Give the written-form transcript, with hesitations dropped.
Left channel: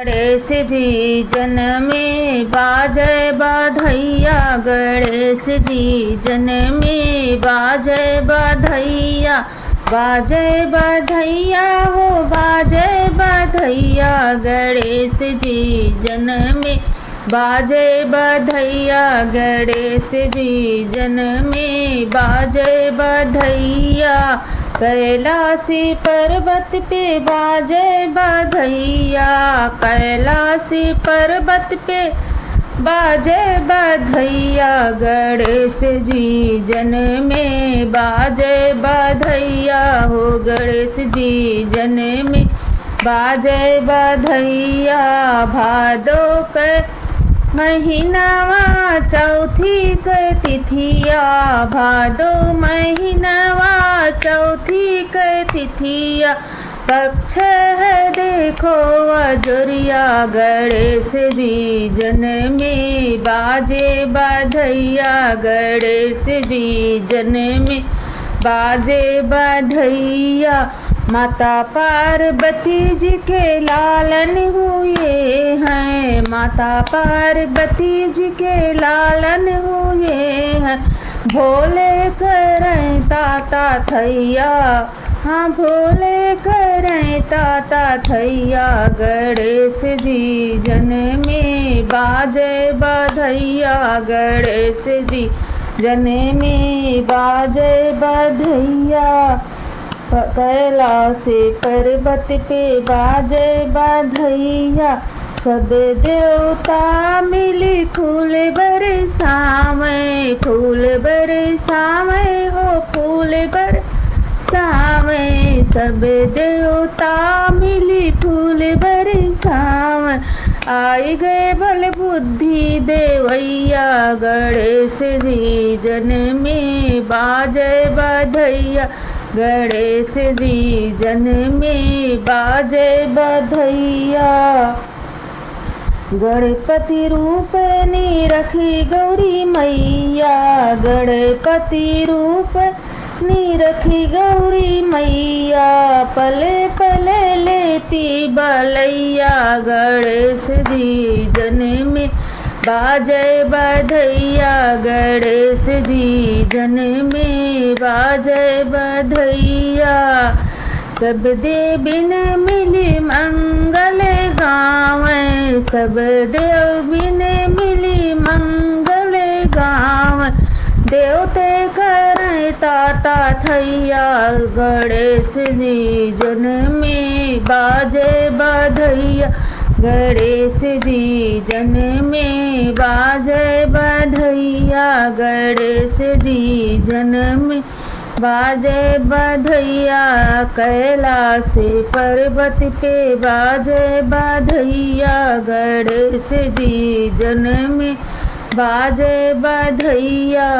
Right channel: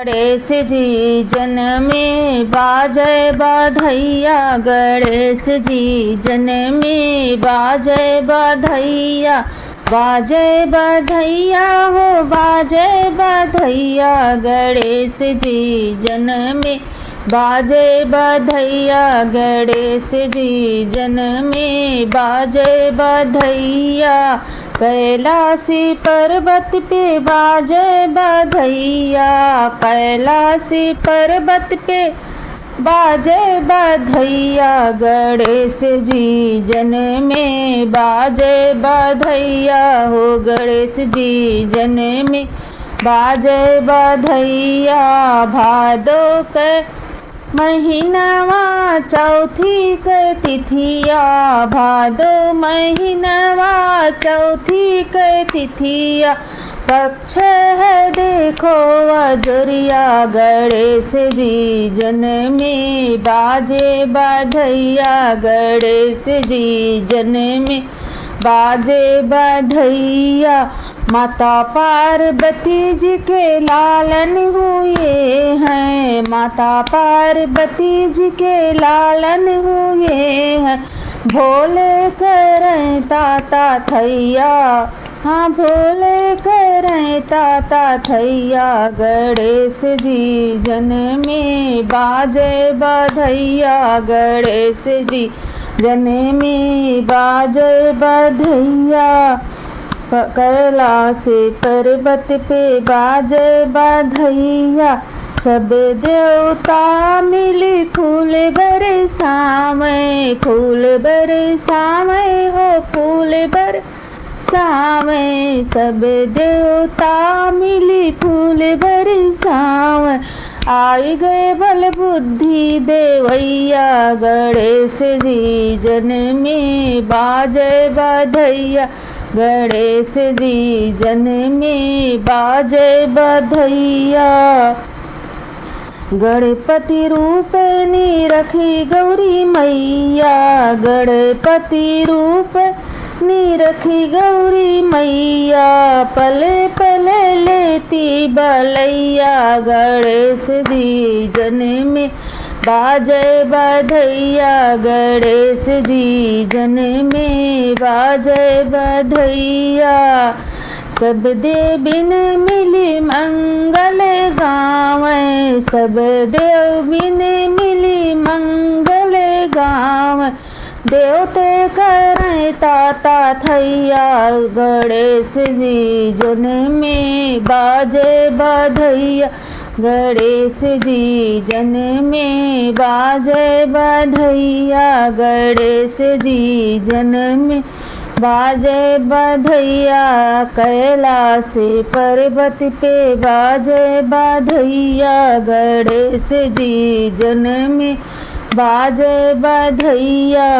गणेश जी जन्मे बाजे बधैया, गणेश जी जन्मे बाजे बधैया, बाजे बधैया हो बाजे बधैया, गणेश जी जन्मे बाजे बधैया, गणेश जी जन्मे बाजे बधैया, कैलासी पर्वत पे बाजे बधैया, कैलासी पर्वत पे बाजे बधैया, गणेश जी जन्मे बाजे बधैया हो, गणेश जी जन्मे बाजे बधैया, भादो के महीनावा चौथी के तिथिया, भादो महीनावा चौथी के तिथिया, पक्ष है देखो अजोरिया, गणेश जी जन्मे बाजे बधैया, गणेश जी जन्मे बाजे बधैया, माता पार्वती जी के लालन हुए हैं, माता पार्वती जी के लालन हुए हैं, भोले करें ताता थैया, हाँ भोले करें ताता थैया, गणेश जी जन्मे बाजे बधैया, गणेश जी जन्मे बाजे बधैया, कैलासी पर्वत पे बाजे बधैया, सब देवता मिली फूल बरसावे, फूल बरसावे हो फूल बरसावे, सब देवता मिली फूल बरसावे, आई गए बल बुद्धि देवैया, गणेश जी जन्मे बाजे बधैया, गणेश जी जन्मे बाजे बधैया, गणपति रूप नी रखी गौरी मैया, गणपति रूप नी रखी गौरी मैया, पले पले लेती बलैया, गणेश जी जन्मे बाजे बधैया, गणेश जी जन्मे बाजे बधैया, सब देविन मिली मंगल गावे, सब देविन मिली मंगल गावे, देवते करें ताता थैया, गणेश जी जन्मे बाजे बधैया, गणेश जी जन्मे बाजे बधैया, गणेश जी जन्मे बाजे बधैया, कैलासी पर्वत पे बाजे बधैया, गणेश जी जन्मे बाजे बधैया।